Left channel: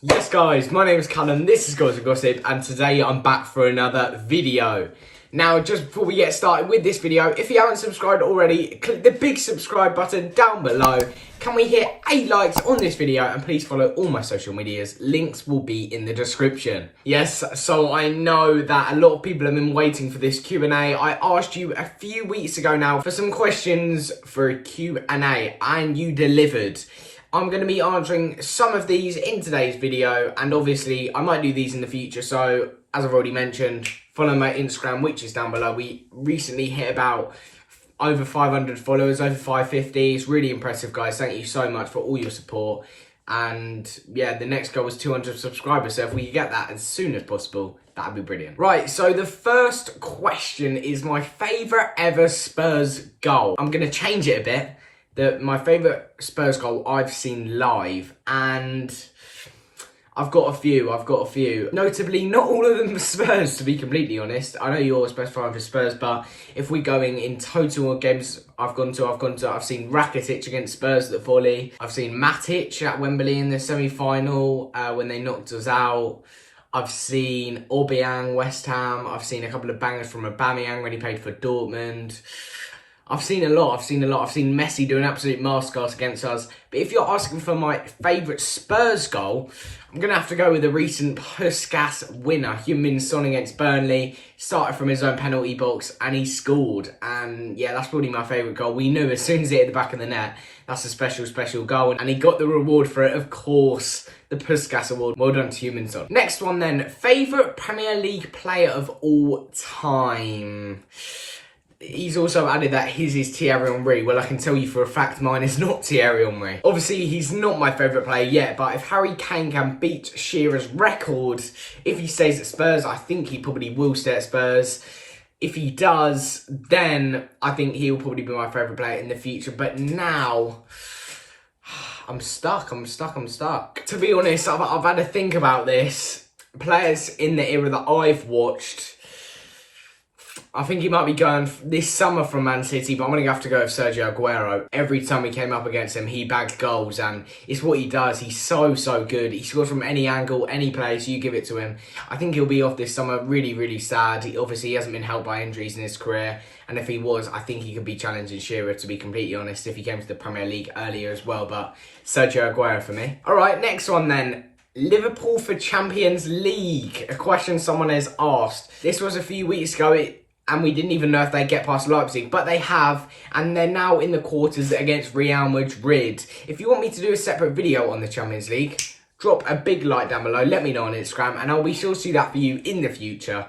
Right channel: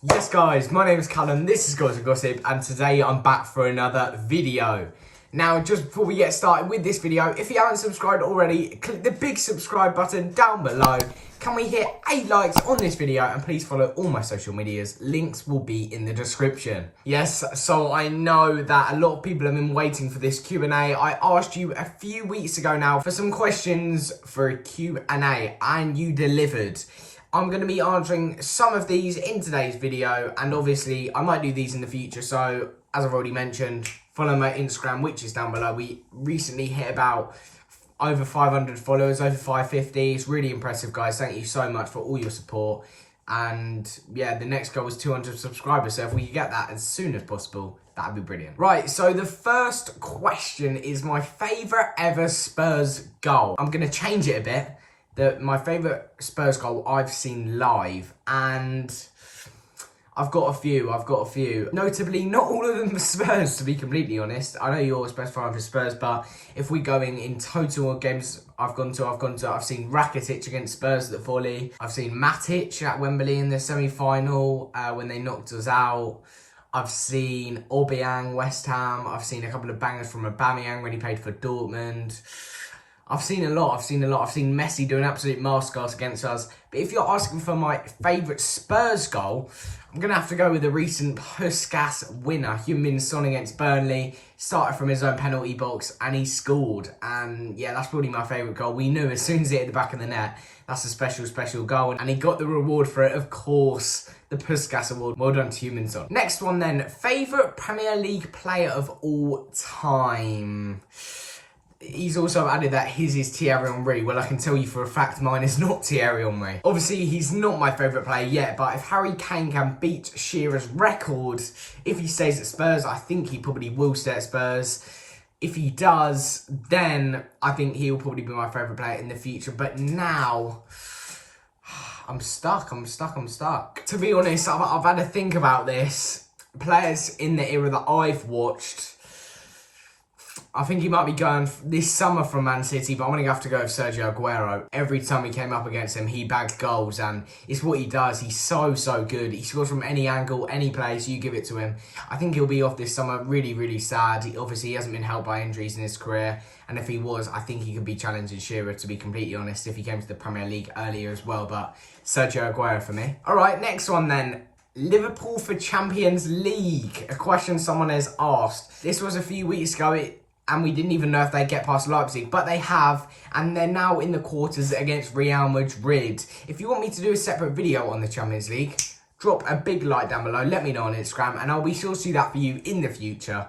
Yes guys, my name is Callum, this is Gossip, and today I'm back for another video. Now, just before we get started with this video, if you haven't subscribed already, click the big subscribe button down below. Can we hit 8 likes on this video? And please follow all my social medias. Links will be in the description. Yes, so I know that a lot of people have been waiting for this Q&A. I asked you a few weeks ago now for some questions for a Q&A, and you delivered. I'm going to be answering some of these in today's video, and obviously I might do these in the future, so as I've already mentioned, follow my Instagram, which is down below. We recently hit about over 500 followers, over 550. It's really impressive, guys. Thank you so much for all your support. And yeah, the next goal was 200 subscribers, so if we could get that as soon as possible, that'd be brilliant. Right, so the first question is my favourite ever Spurs goal. I'm going to change it a bit. My favourite Spurs goal I've seen live, and I've got a few. Notably, not all of them are Spurs, to be completely honest. I know you're a Spurs fan for Spurs, but if we're going in total games I've seen Rakitic against Spurs at the volley. I've seen Matic at Wembley in the semi-final when they knocked us out. I've seen Aubameyang, West Ham. I've seen a couple of bangers from Aubameyang when he played for Dortmund. I've seen a lot. I've seen Messi do an absolute masterclass against us. But if you're asking for my favourite Spurs goal, I'm going to have to go with the recent Puskas winner, Heung-min Son against Burnley. Started from his own penalty box and he scored. And yeah, that's probably my favourite goal. We knew as soon as it hit the back of the net, that's a special, special goal. And he got the reward for it, of course, the Puskas Award. Well done to Heung-min Son. Next one then, favourite Premier League player of all time. He's also added that his is Thierry Henry. Well, I can tell you for a fact mine is not Thierry Henry. Obviously, he's not my favourite player yet, but if Harry Kane can beat Shearer's record, if he stays at Spurs, I think he probably will stay at Spurs. If he does, then I think he'll probably be my favourite player in the future. But now, I'm stuck. To be honest, I've had to think about this. Players in the era that I've watched, I think he might be going this summer from Man City, but I'm going to have to go with Sergio Aguero. Every time we came up against him, he bagged goals, and it's what he does. He's so good. He scores from any angle, any place, you give it to him. I think he'll be off this summer. Really sad. Obviously, he hasn't been helped by injuries in his career, and if he was, I think he could be challenging Shearer, to be completely honest, if he came to the Premier League earlier as well, but Sergio Aguero for me. All right, next one then. Liverpool for Champions League. A question someone has asked. This was a few weeks ago, and we didn't even know if they'd get past Leipzig, but they have, and they're now in the quarters against Real Madrid. If you want me to do a separate video on the Champions League, drop a big like down below, let me know on Instagram, and I'll be sure to do that for you in the future.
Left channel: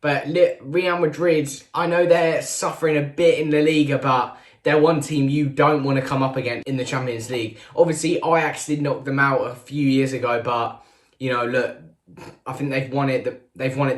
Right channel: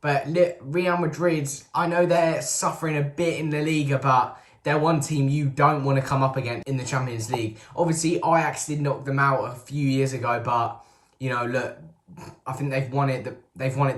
But Real Madrid, I know they're suffering a bit in La Liga, but they're one team you don't want to come up against in the Champions League. Obviously, Ajax did knock them out a few years ago, but, you know, look, I think they've won it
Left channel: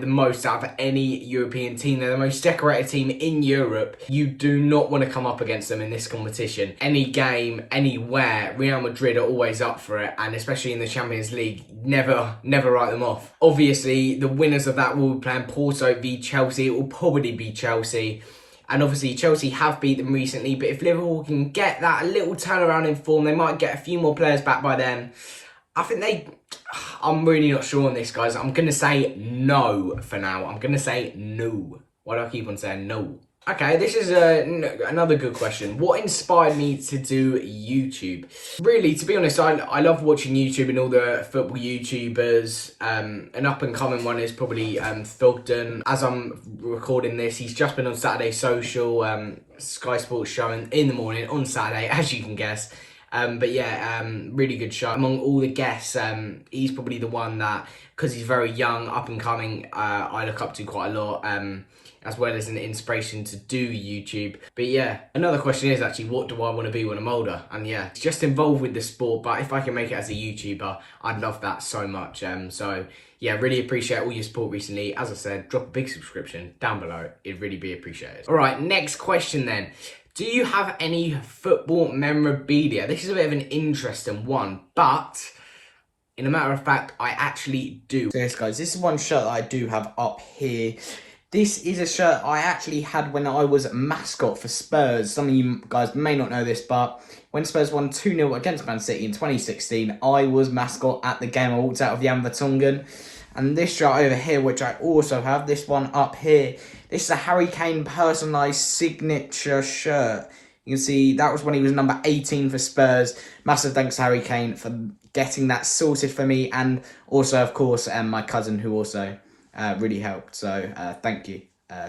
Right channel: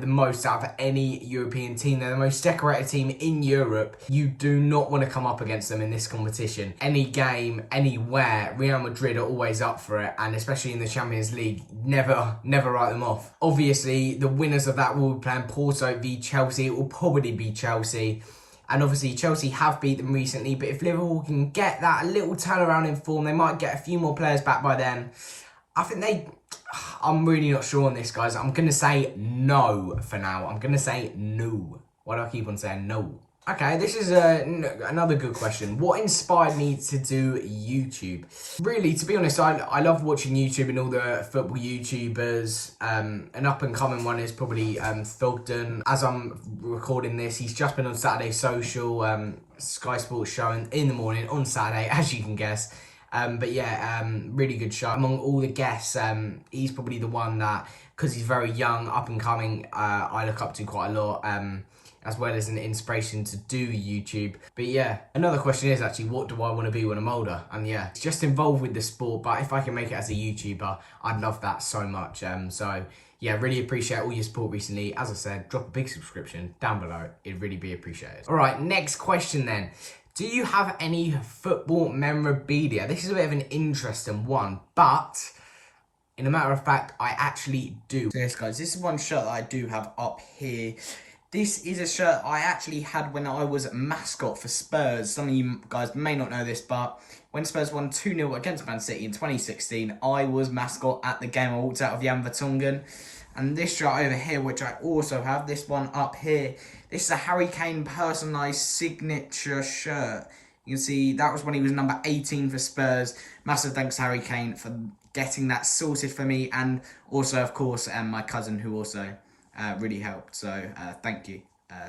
the most out of any European team. They're the most decorated team in Europe. You do not want to come up against them in this competition. Any game, anywhere, Real Madrid are always up for it, and especially in the Champions League, never write them off. Obviously, the winners of that will be playing Porto v Chelsea. It will probably be Chelsea. And obviously, Chelsea have beat them recently, but if Liverpool can get that little turnaround in form, they might get a few more players back by then. I think I'm really not sure on this, guys. I'm going to say no for now. I'm going to say no. Why do I keep on saying no? Okay, this is another good question. What inspired me to do YouTube? Really, to be honest, I love watching YouTube and all the football YouTubers. An up-and-coming one is probably Thugden. As I'm recording this, he's just been on Saturday Social, Sky Sports show in the morning on Saturday, as you can guess. But yeah, really good show. Among all the guests, he's probably the one that, because he's very young, up and coming, I look up to quite a lot, as well as an inspiration to do YouTube. But yeah, another question is actually, what do I want to be when I'm older? And yeah, it's just involved with the sport, but if I can make it as a YouTuber, I'd love that so much. So yeah, really appreciate all your support recently. As I said, drop a big subscription down below. It'd really be appreciated. All right, next question then. Do you have any football memorabilia? This is a bit of an interesting one, but in a matter of fact, I actually do. So yes, guys, this is one shirt that I do have up here. This is a shirt I actually had when I was mascot for Spurs. Some of you guys may not know this, but when Spurs won 2-0 against Man City in 2016, I was mascot at the game. I walked out of Jan Vertonghen. And this shirt over here, which I also have, this one up here, this is a Harry Kane personalised signature shirt. You can see that was when he was number 18 for Spurs. Massive thanks to Harry Kane for getting that sorted for me. And also, of course, my cousin who also really helped. So thank you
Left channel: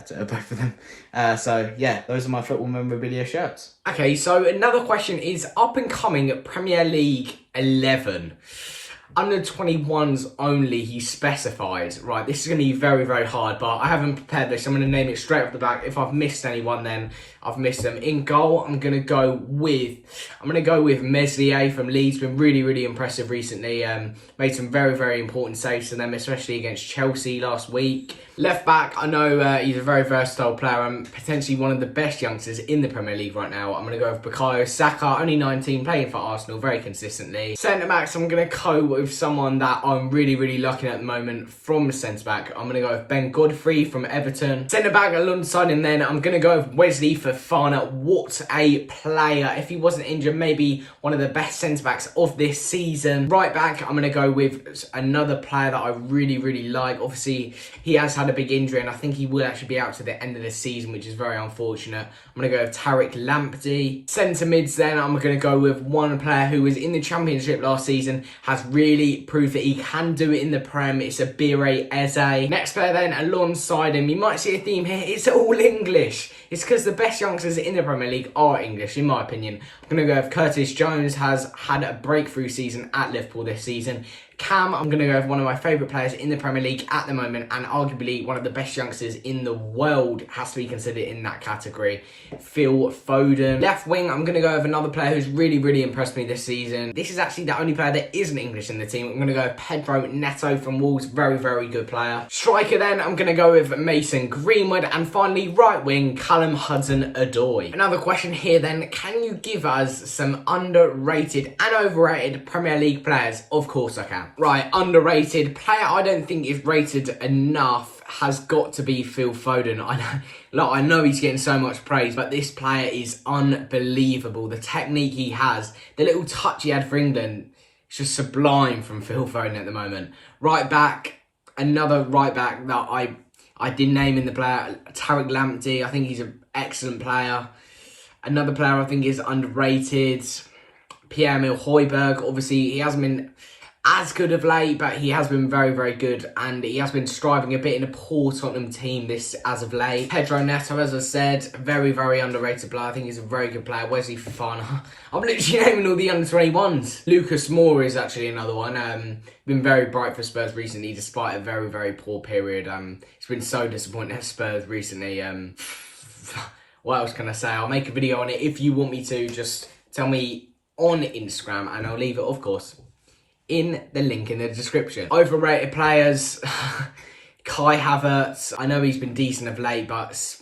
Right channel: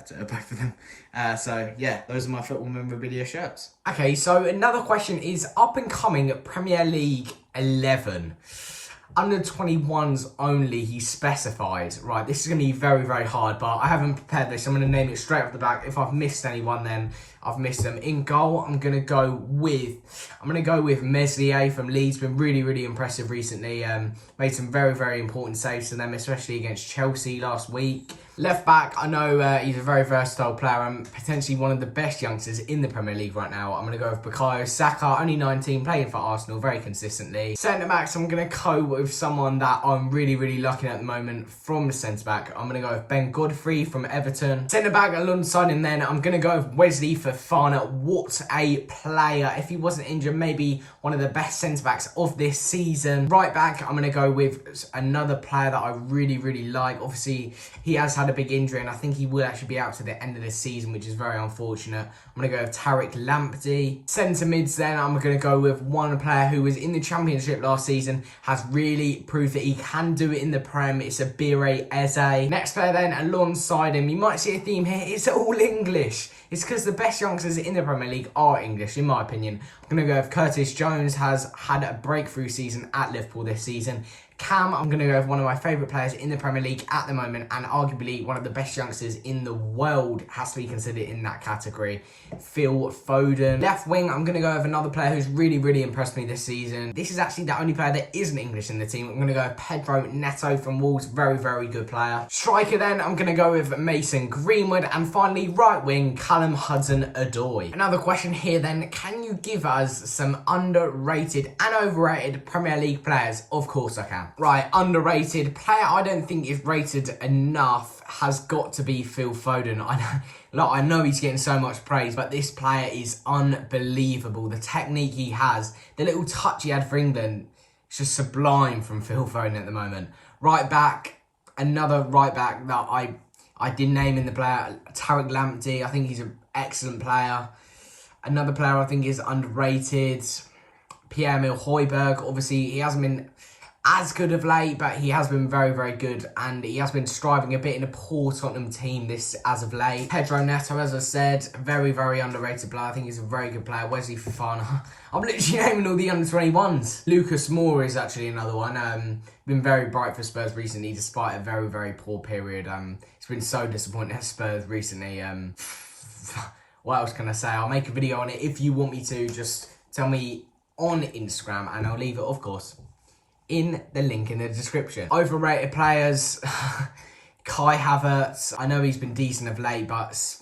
to both of them. So yeah, those are my football memorabilia shirts. Okay, so another question is up and coming Premier League 11. Under 21s only, he specifies. Right, this is going to be very, very hard, but I haven't prepared this. I'm going to name it straight off the back. If I've missed anyone, then I've missed them. In goal, I'm going to go with Meslier from Leeds. Been really, really impressive recently. Made some very, very important saves to them, especially against Chelsea last week. Left back, I know he's a very versatile player and potentially one of the best youngsters in the Premier League right now. I'm going to go with Bukayo Saka, only 19, playing for Arsenal very consistently. Centre-backs, I'm going to go with someone that I'm really, really liking at the moment from centre-back. I'm going to go with Ben Godfrey from Everton. Centre-back alongside him then, I'm going to go with Wesley Fofana. What a player. If he wasn't injured, maybe one of the best centre-backs of this season. Right back, I'm going to go with another player that I really, really like. Obviously, he has had a big injury and I think he will actually be out to the end of the season, which is very unfortunate. I'm going to go with Tariq Lamptey. Centre mids then, I'm going to go with one player who was in the Championship last season, has really proved that he can do it in the Prem. It's Abire Eze. Next player then, alongside him, you might see a theme here, it's all English. It's because the best youngsters in the Premier League are English, in my opinion. I'm going to go with Curtis Jones, has had a breakthrough season at Liverpool this season. Cam, I'm going to go with one of my favourite players in the Premier League at the moment and arguably one of the best youngsters in the world, has to be considered in that category. Phil Foden. Left wing, I'm going to go with another player who's really, really impressed me this season. This is actually the only player that isn't English in the team. I'm going to go with Pedro Neto from Wolves. Very, very good player. Striker then, I'm going to go with Mason Greenwood. And finally, right wing, Callum Hudson-Odoi. Another question here then, can you give us some underrated and overrated Premier League players? Of course I can. Right, underrated player I don't think is rated enough has got to be Phil Foden. I know he's getting so much praise, but this player is unbelievable. The technique he has, the little touch he had for England, it's just sublime from Phil Foden at the moment. Right back, another right back that I did name in the player, Tariq Lamptey. I think he's an excellent player. Another player I think is underrated, Pierre-Emile Højbjerg. Obviously, he hasn't been as good of late, but he has been very, very good, and he has been striving a bit in a poor Tottenham team this as of late. Pedro Neto, as I said, very, very underrated player. I think he's a very good player. Wesley Fofana. I'm literally naming all the under-21s. Lucas Moura is actually another one. Been very bright for Spurs recently, despite a very, very poor period. It's been so disappointing at Spurs recently. What else can I say? I'll make a video on it if you want me to. Just tell me on Instagram, and I'll leave it, of course, in the link in the description. Overrated players, Kai Havertz. I know he's been decent of late, but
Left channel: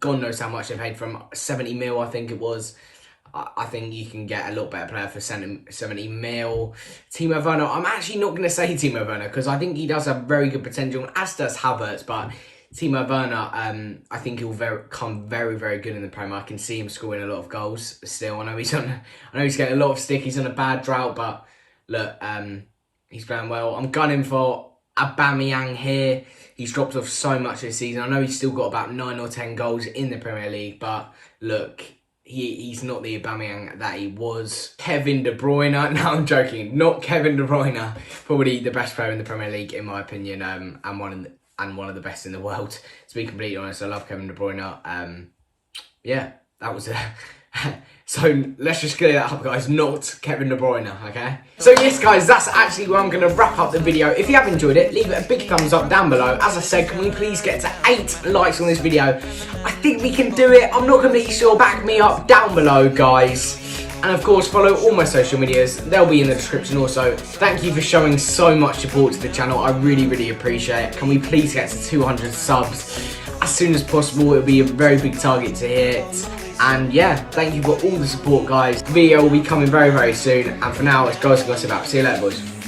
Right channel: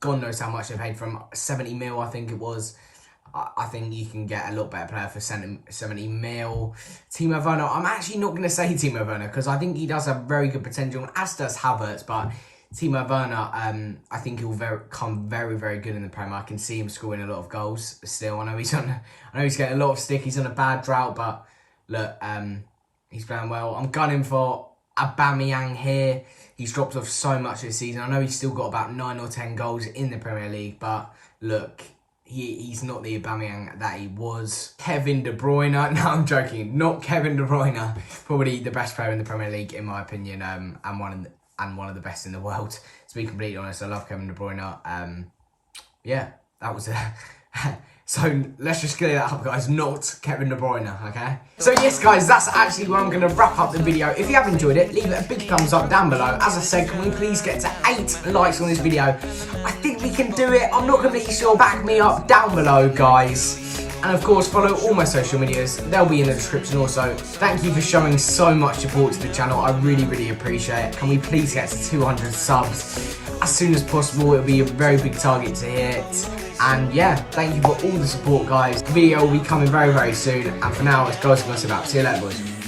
God knows how much they paid for him. 70 mil, I think it was. I think you can get a lot better player for 70 mil. Timo Werner, I'm actually not going to say Timo Werner because I think he does have very good potential, as does Havertz, but Timo Werner, I think he'll come very, very good in the Premier. I can see him scoring a lot of goals still. I know he's getting a lot of stick. He's on a bad drought, but look, he's playing well. I'm gunning for Aubameyang here. He's dropped off so much this season. I know he's still got about 9 or 10 goals in the Premier League, but look, he's not the Aubameyang that he was. Kevin De Bruyne. No, I'm joking. Not Kevin De Bruyne. Probably the best player in the Premier League, in my opinion, and one of the best in the world. To be completely honest, I love Kevin De Bruyne. Yeah, that was it. So let's just clear that up, guys. Not Kevin De Bruyne, okay? So yes, guys, that's actually where I'm going to wrap up the video. If you have enjoyed it, leave it a big thumbs up down below. As I said, can we please get to 8 likes on this video? I think we can do it. I'm not completely sure. Back me up down below, guys. And of course, follow all my social medias. They'll be in the description also. Thank you for showing so much support to the channel. I really, really appreciate it. Can we please get to 200 subs as soon as possible? It'll be a very big target to hit. And yeah, thank you for all the support, guys. The video will be coming very, very soon. And for now, it's Guys Gossip out. See you later, boys.